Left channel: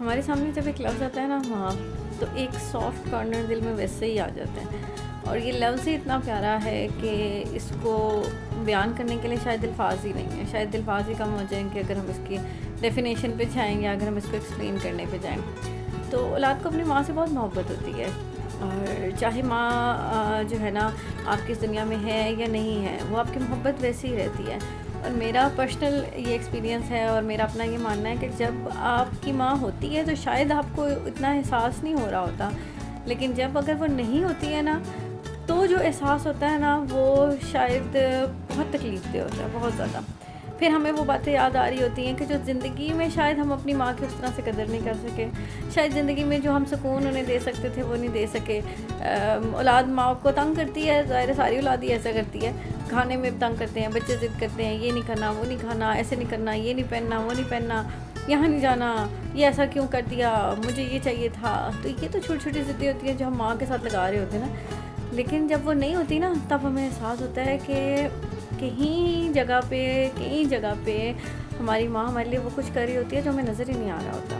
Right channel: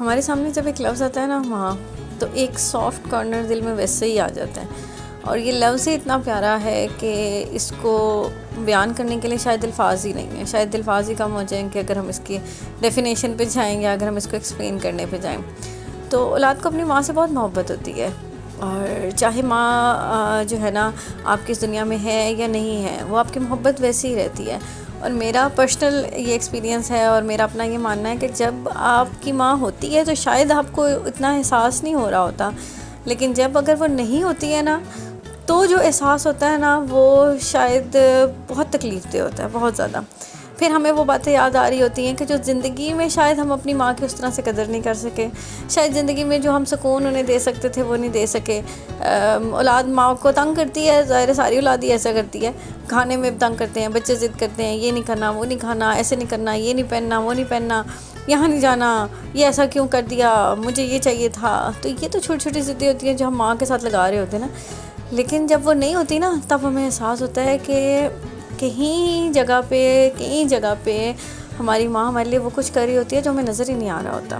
हमारे सामने जब एक लफ्ज़ आता है ना माँ, तो एक सॉफ्ट कॉर्नर दिल में वैसे ही आ जाता है। और ये लफ्ज़ ही इतना प्यारा है कि इसको बयान करने के लिए शायद अल्फाज ही नहीं है। शायद अल्फाज ही कम हो जाएंगे अगर हम इसकी डेफिनेशन पे जाएंगे, अगर हम इसको एक्सप्लेन करने पे जाएं। तो औलाद को अपनी माँ से बहुत मोहब्बत होती है। और चाहे माँ जो है ना आपकी इस दुनिया में है या नहीं है, वो आपकी मोहब्बत वैसी ही रहती है। और मेरा पर्सनल ये एक्सपीरियंस है और मेरा अपना ये मानना है कि जब आपकी माँ होती है तो शायद आपको इतना एहसास नहीं हो रहा होता, लेकिन जब अगर वो नहीं होती है ना, तो जो एहसास होता है ना वो शायद बहुत तकलीफ़देह होता है, बहुत ज़्यादा। फिर हमें वो बातें याद आ रही होती हैं कि जो ज़िंदगी में शायद हम अपनी माँ की उस तरह से कदर नहीं कर सके। शायद ज़िंदगी में जो हम सुकून उन्हें दे सकते थे वो नहीं दे सके। औलाद माँ को तंग करती है, ज़ाहिर सारी औलाद ही ऐसा करती है। खाने में तंग करते हैं, बच्चे ज़िद करते हैं, ये नहीं करना, वो नहीं खाना, ऐसे नहीं करना, ये नहीं पहनना, वो नहीं पहनना, यहाँ नहीं जाना, ये ऐसा क्यों कर दिया, मुझे ये चाहिए था। तो ये तो छोटी छोटी ज़िद्दें होती हैं जो हम माँ के साथ लगा रहे होते हैं ना। लेकिन जब वो नहीं होती ना, तब हमें एहसास होता है कि कहीं जगह पे हमारी माँ हमारे लिए वो कुछ कर रही होती है जो हमें नज़र ही नहीं आ रहा होता।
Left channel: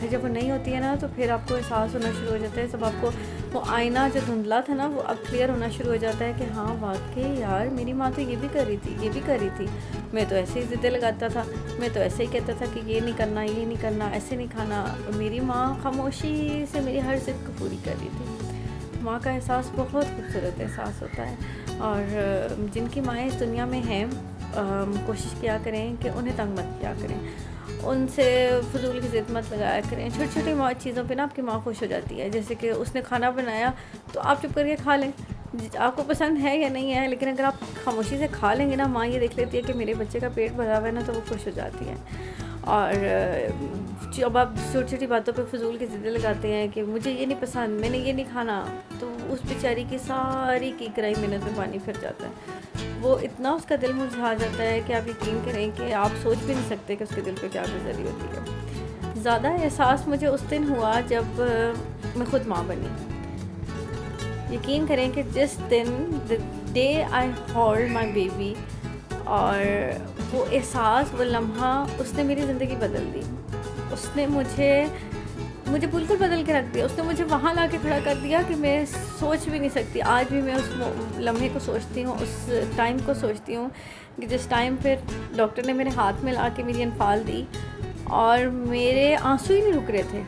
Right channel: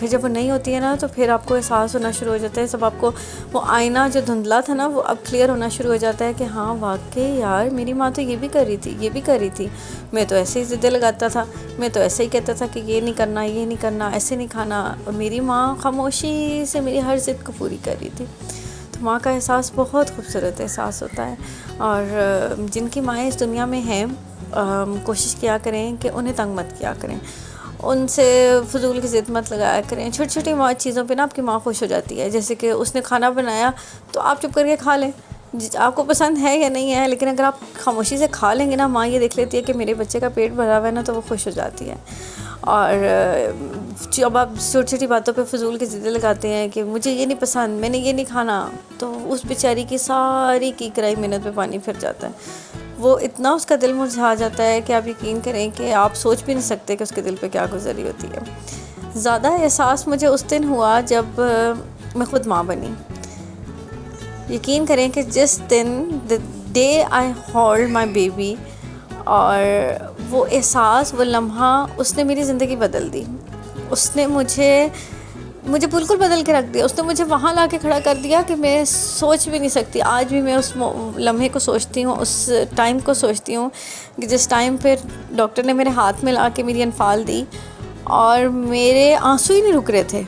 फिर जब वो नहीं होती है ना, तो फिर आपको एहसास होना शुरू हो जाता है, सब आपको वो आईना जो धुंधला था ना वो अब क्लियर होना शुरू हो जाता है कि हाँ वाकई यार, मेरी माँ तो ये भी कर रही थी, ये भी कर रही थी। मैं तो ऐसे ही ज़िद्दें लगाता था, मैं तो ऐसे ही कहता था कि ये नहीं करना, ये नहीं करना, ऐसे नहीं खाना। और मेरी माँ खामोशी से मेरी हर ज़िद को पूरी कर रही थी। तो माँ का एहसास बहुत खूबसूरत एहसास होता है। और जिनकी माएँ इस दुनिया में हैं, कोशिश किया करें कि उन्हें तंग मत किया करें, उनसे फजूल की ज़िद मत लगाया करें। छोटी छोटी चीज़ों पे ना आपकी माँ खुश हो जाती है। जैसे कि उसने खाना बनाया तो आप चुप करके खा लें, आपको पसंद है या नहीं है, लेकिन अगर आप खामोशी से खा लेंगे ना, माँ ये देख लेती है कि मेरे बच्चे का पेट भरा हुआ है ना, तो वो खुश हो जाती है। और जब आप छोटी छोटी बातों पे फजूल की ज़िद्दें लगाते हैं कि मुझे ये नहीं पसंद, मैंने ये नहीं खाना, तो उस बेचारी की सारी की कराई मेहनत में पानी फिर जाता है। वो इतना उसका दिल मुरझा जाता है कि आप यकीन करें कि आप सोच भी नहीं सकते कि उसके दिल पे क्या गुजरी होती है। ज़्यादा एहसास मुझे उस दिन हुआ जब मैं ख़ुद माँ बनी। यकीन करें कि जिस दिन the day I hold my baby, और वो एहसास, वो लम्हा, उसने मेरी ज़िंदगी बदल दी। उसने मुझे बिल्कुल बदल के रख दिया। उसने मुझे वहाँ ला के खड़ा कर दिया कि मैं सोच भी नहीं सकती। आज भी मैं उस लम्हे को सोचती हूँ, उस टाइम को सोचती हूँ कि जिस टाइम पर डॉक्टर ने मेरे हाथ में ला के मेरी अनफाल दी और मेरे आंसू ही नहीं रुक रहे थे।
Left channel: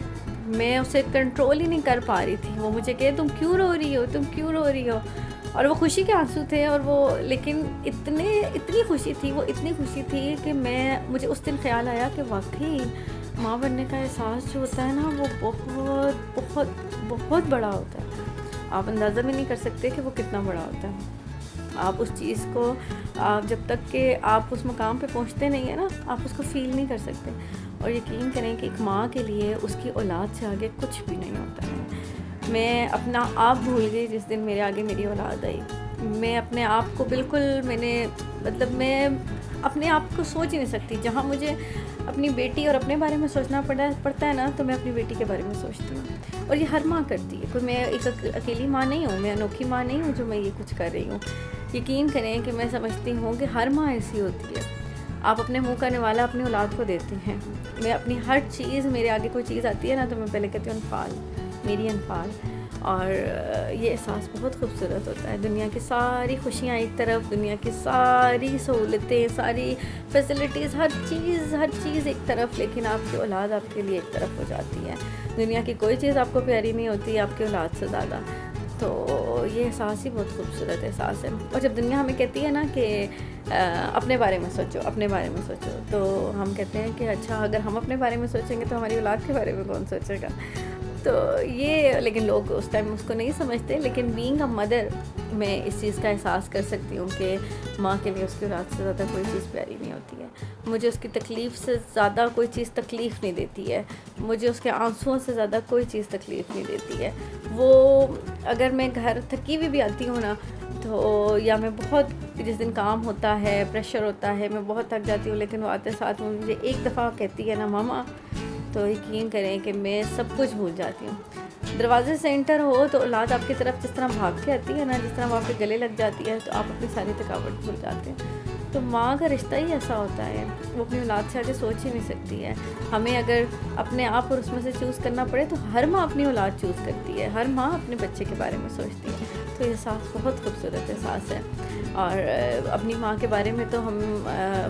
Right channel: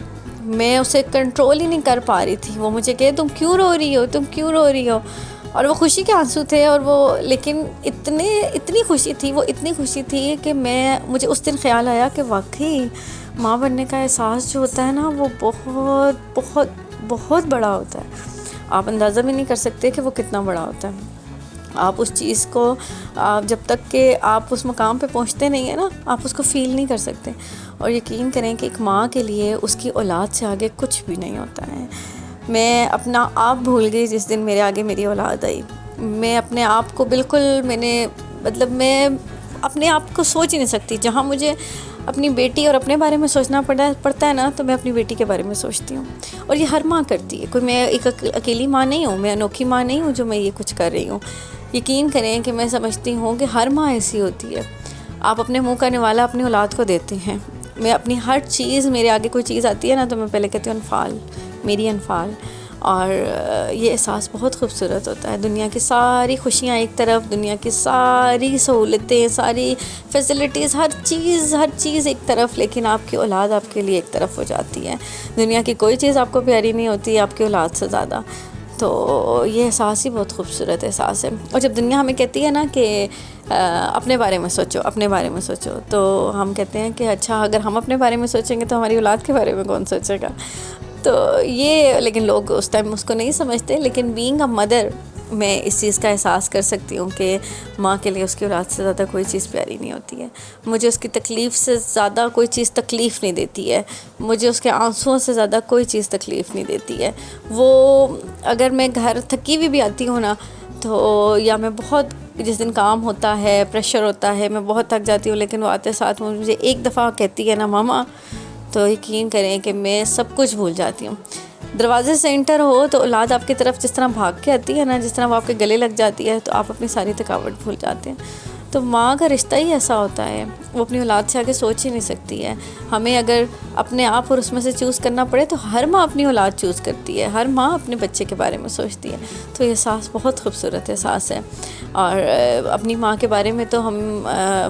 मैं उसे कंट्रोल ही नहीं कर पा रही थी। वो मुझे कहे तुम क्यों रो रही हो, तुम क्यों रो रही हो। और वो खुशी के आंसू थे, और वो लेकिन इतनी खुशी थी, वो इतनी खुशी थी कि मुझे उस दिन ख्याल आया कि वाकई माँ बनने का एहसास जो होता है ना, वो बहुत बहुत बहुत बड़ा होता है। आप अंदाज़ा भी नहीं कर सकते कि वो कितना बड़ा होता है। आप उस चीज़ को जब तक कि आप उस मुकाम पे पहुंचते नहीं है ना, आप उसको फ़ील नहीं कर सकते। और यकीन करें कि एक माँ के लिए उसकी औलाद से आगे कुछ भी नहीं होता है। मैं अपना आप भूल गई जिस दिन मेरे आगे मेरी औलाद आई। मैं अपने आप को बिल्कुल मैं अपने आप को सोच ही नहीं सकती। जहाँ मुझे अपनी बेटी और अपने बारे में सोचना पड़ता है ना, तो मैं अपनी बेटी के बारे में सोचती हूँ। और ये हर माँ करती है। कोई मैं एक अकेली माँ नहीं हूँ, मैं अनोखी माँ नहीं हूँ जो मैं ये कुछ कर रही हूँ। यकीन करें कि मैं समझती हूँ कि हर माँ ऐसी होती है। आप अपने मुँह का निवाला अपनी औलाद को देते हैं। मैं अपनी हर चीज़, मेरे आगे कोई चीज़ आती है ना, तो मैं पहले कहती हूँ अनफाल, मेरी अनफाल। और ये एहसास बहुत खूबसूरत होता है। दुनिया की सारी खुशियाँ एक तरफ, दुनिया की सारी सहूलतें, सारी फैसिलिटीज़, हर चीज़ एक तरफ, लेकिन आपकी औलाद आपके लिए एक तरफ हो जाती है। दुनिया की कोई चीज़ आपको प्यारी नहीं होती आपकी औलाद से ज़्यादा। तो ये एहसास ही बहुत खूबसूरत एहसास है। और जब दुनिया हमें कहती है ना कि अपने बारे में सोचो, अपने बारे में सोचो, तो हम कहते हैं कि अच्छा, अगर हम अपने बारे में सोचेंगे तो हमारी औलाद के बारे में कौन सोचेगा। तो ये, लेकिन लोग उस टाइम उसको नहीं समझते। लेकिन बीइंग अ मदर, मैं इस चीज़ का एहसास कर सकती हूँ कि माँ के लिए उसकी औलाद से ज़्यादा कोई चीज़ प्यारी नहीं होती है। मुझे उसकी तकलीफ़ से ज़्यादा कोई चीज़ तकलीफ़ नहीं देती है। मुझे उसके आंसुओं से ज़्यादा कोई चीज़ तकलीफ़ नहीं देती है। वो अगर मैं घर थकी हुई भी आती हूँ ना, तो या मैं बहुत, जिस दिन काम होता है, प्रेशर होता है, मैं बहुत थक जाती हूँ, लेकिन वो आते साथ मुझे एक दफ़ा कहती है ना मामा, तो यकीन करें कि मैं सब कुछ भूल जाती हूँ। दरवाजे से एंटर हो तो औलाद आपकी तरफ जिस तरह भाग के आती है ना, जिस तरह वो आपके गले लग जाती है, तो आप अपनी सारी थकावट भूल जाते हैं। तो माँ का रिश्ता ही ऐसा होता है, वो अपनी औलाद से आगे सोच ही नहीं सकती है। हमें अगर अपने आप और उसमें से चूज़ करना पड़े तो हर माँ अपनी औलाद चूज़ करती है, हर माँ अपने बच्चे के बारे में सोचती है। तो ये एहसास बहुत खूबसूरत एहसास है। और अपनी माँ के बारे में तो हम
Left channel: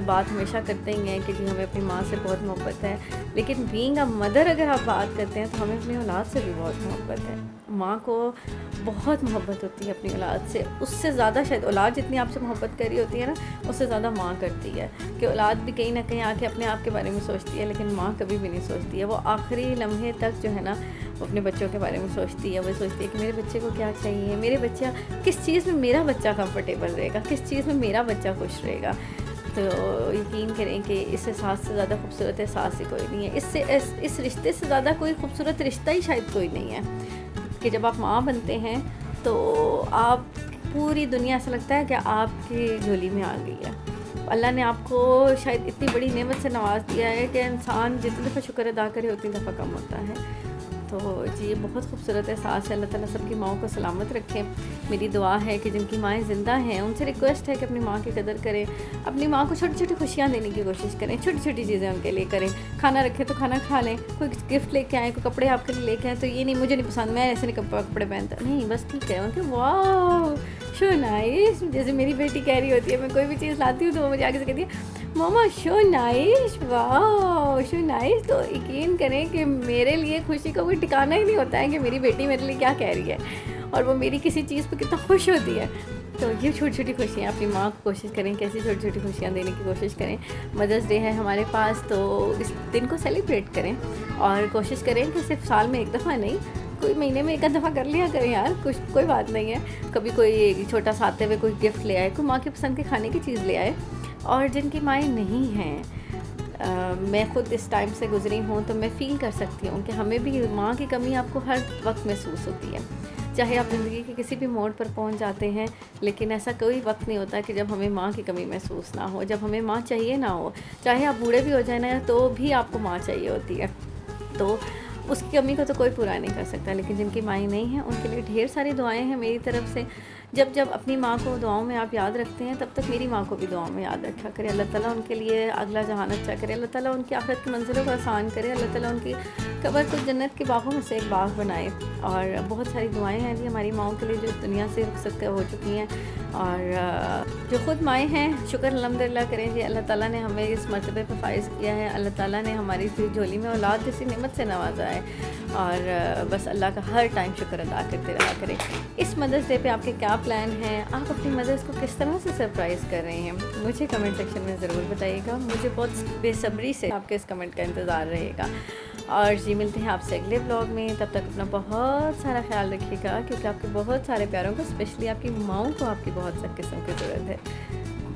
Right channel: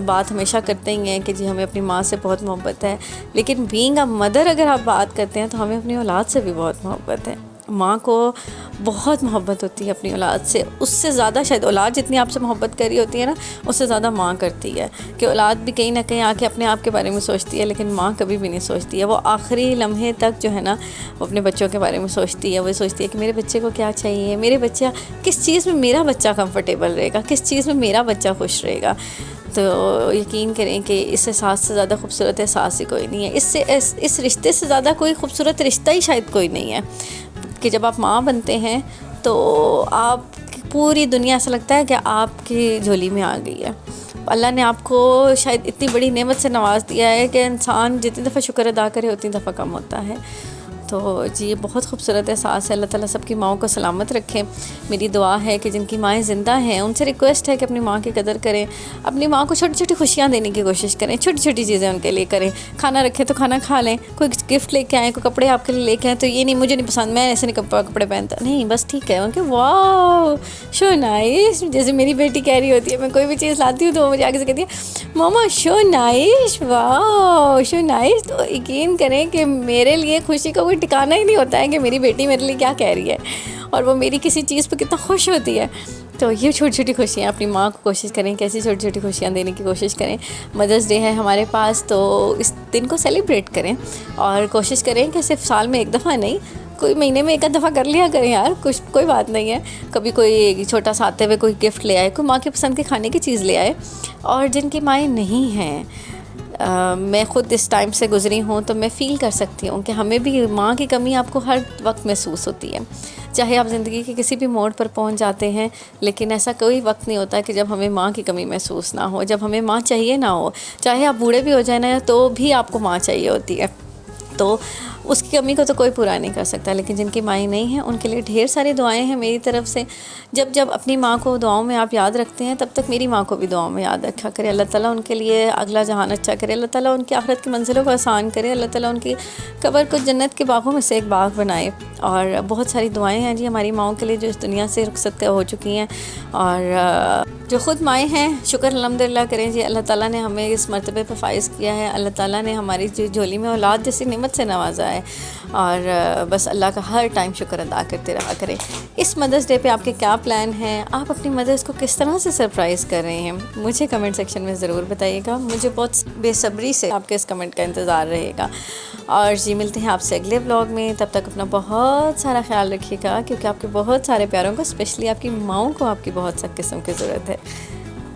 बात हमेशा करते ही हैं कि जी हमें अपनी माँ से बहुत मोहब्बत है, लेकिन बीइंग अ मदर अगर आप बात करते हैं तो हमें अपनी औलाद से भी बहुत मोहब्बत है। माँ को बहुत मोहब्बत होती है अपनी औलाद से, उससे ज़्यादा शायद औलाद जितनी आपसे मोहब्बत कर रही होती है ना, उससे ज़्यादा माँ करती है। कि औलाद भी कहीं ना कहीं आके अपने आप के बारे में सोचती है, लेकिन माँ कभी भी नहीं सोचती है। वो आखिरी लम्हे तक जो है ना, वो अपने बच्चों के बारे में सोचती है। वो सोचती है कि मेरे बच्चे को क्या चाहिए, मेरे बच्चा किस चीज़ में मेरा बच्चा कंफर्टेबल रहेगा, किस चीज़ में मेरा बच्चा खुश रहेगा। तो यकीन करें कि इस एहसास से ज़्यादा खूबसूरत एहसास ही कोई नहीं है। इस रिश्ते से ज़्यादा कोई खूबसूरत रिश्ता ही शायद कोई नहीं है कि जब आप माँ बनते हैं तो आप पूरी दुनिया ऐसा लगता है कि आपकी झोली में आ गई है। अल्लाह ने आपको शायद इतनी बड़ी नेमत से नवाज दिया है कि इंसान जितनी दफ़ा शुक्र अदा करे उतनी दफ़ा कम होता है। तो जी बहुत खूबसूरत एहसास है। अल्लाह ताला सबकी माँओं को सलामत रखें। मेरी दुआ है कि जिनकी माएँ ज़िंदा हैं उनसे रिक्वेस्ट है कि अपनी माँ की कदर करें, अपनी माँ को छोटी छोटी खुशियाँ देने की कोशिश करें, छोटी छोटी चीज़ें उनके लिए करें। खाना रखें तो खाना खा लें, कोई गिफ्ट लेके आएँ, कोई कपड़े आपके लिए लेके आएँ तो ये नहीं मुझे नहीं पसंद, मैं ऐसे नहीं कपड़े पहनता, नहीं बस ठीक है उनके वाह शो नाइस। जैसे मेरी बेटी कह रही होती है, मैं कोई भी चीज़ लाती हूँ तो वो मुझे आगे से कहती है मामा शो नाइस, वाह शो नाइस। तो यकीन करें कि मेरे लिए खुशी का कोई ठिकाना ही नहीं होता है कि मेरी बेटी मेरे लिए क्या कह रही है और वो मेरी किसी चीज़ पर कितना खुश होती है। तो ये छोटी छोटी खुशियाँ अपनी माँ को कोशिश करें, कैसी छोटी छोटी खुशियाँ देने की कोशिश करें। मदर्स डे है हमारे पास तो इस दिन को सेलिब्रेट करें और कोशिश करें कि सिर्फ साल में एक दफ़ा नहीं, कोई महीने में एक आध दफ़ा कर लिया करें यार, कुछ कोई बात नहीं है। कभी कोई छोटा सा आते हुए कोई गिफ्ट ले आए, कोई माँ की पसंद के खाने की चीज़ ले आए। और जिनकी माएँ नहीं हैं, मैं ख़ुद इस टाइम से गुज़री हूँ तो मैं फ़ील कर सकती हूँ कि हमें भी माँ की कमी आपको हर वक्त महसूस होती है। चाहे आप ज़िंदगी के किसी भी मोड़ पर पहुँच जाते हैं, लेकिन ऐसा कोई वक्त नहीं होता कि जब हमें माँ की कमी महसूस ना हो, जब हमें माँ चाहिए ना हो। चाहे आप बूढ़े भी हो जाए ना तो भी आपको माँ चाहिए होती है। तो उसकी कमी को तो कोई पूरा नहीं कर सकता, लेकिन जिनकी माएँ नहीं हैं उनके लिए ढेर सारी दुआएं हैं मेरी तरफ से। जब जब अपनी माँ को दुआओं में आप याद रखते हैं, तब तक मेरी माँ को भी दुआओं में याद रखा करे। अल्लाह ताला उनके लिए अगला जहान अच्छा करे, अल्लाह ताला उनकी आखिरत की मंजिलों को आसान करे, अल्लाह ताला उनकी कब्र को जन्नत के बागों में से एक बाग बनाए। और बहुत सारी दुआएँ हैं जी हमारी माँओं के लिए जो इस दुनिया से रुखसत हो चुकी हैं। और जो ख़ुद माएँ हैं शुक्र अल्हम्दुलिल्लाह करें जी, अल्लाह ताला ने हमें इस मर्तबे पर फ़ाइज़ किया है। अल्लाह ताला ने हमारी झोली में औलाद जैसी नेमत से नवाजा है। और बस अल्लाह का हर टाइम शुक्र अदा करते रहा करें। इस मदर्स डे पे आपके क्या प्लान हैं, आप अपनी मदर्स को किस तरह से सरप्राइज़ कर रहे हैं, मुझे कमेंट सेक्शन में ज़रूर बताइएगा। मुझे बहुत बेसब्री से आपके इस कमेंट का इंतज़ार रहेगा। और जी मिलते हैं आपसे अगले ब्लॉग में, तब तक अपना बहुत सारा ख्याल रखिएगा, क्योंकि आपके बहुत सारे प्यारों को, स्पेशली आपकी माँओं को आपकी बहुत सख्त किस्म की ज़रूरत है।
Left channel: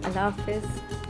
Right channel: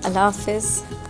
अल्लाह हाफ़िज़।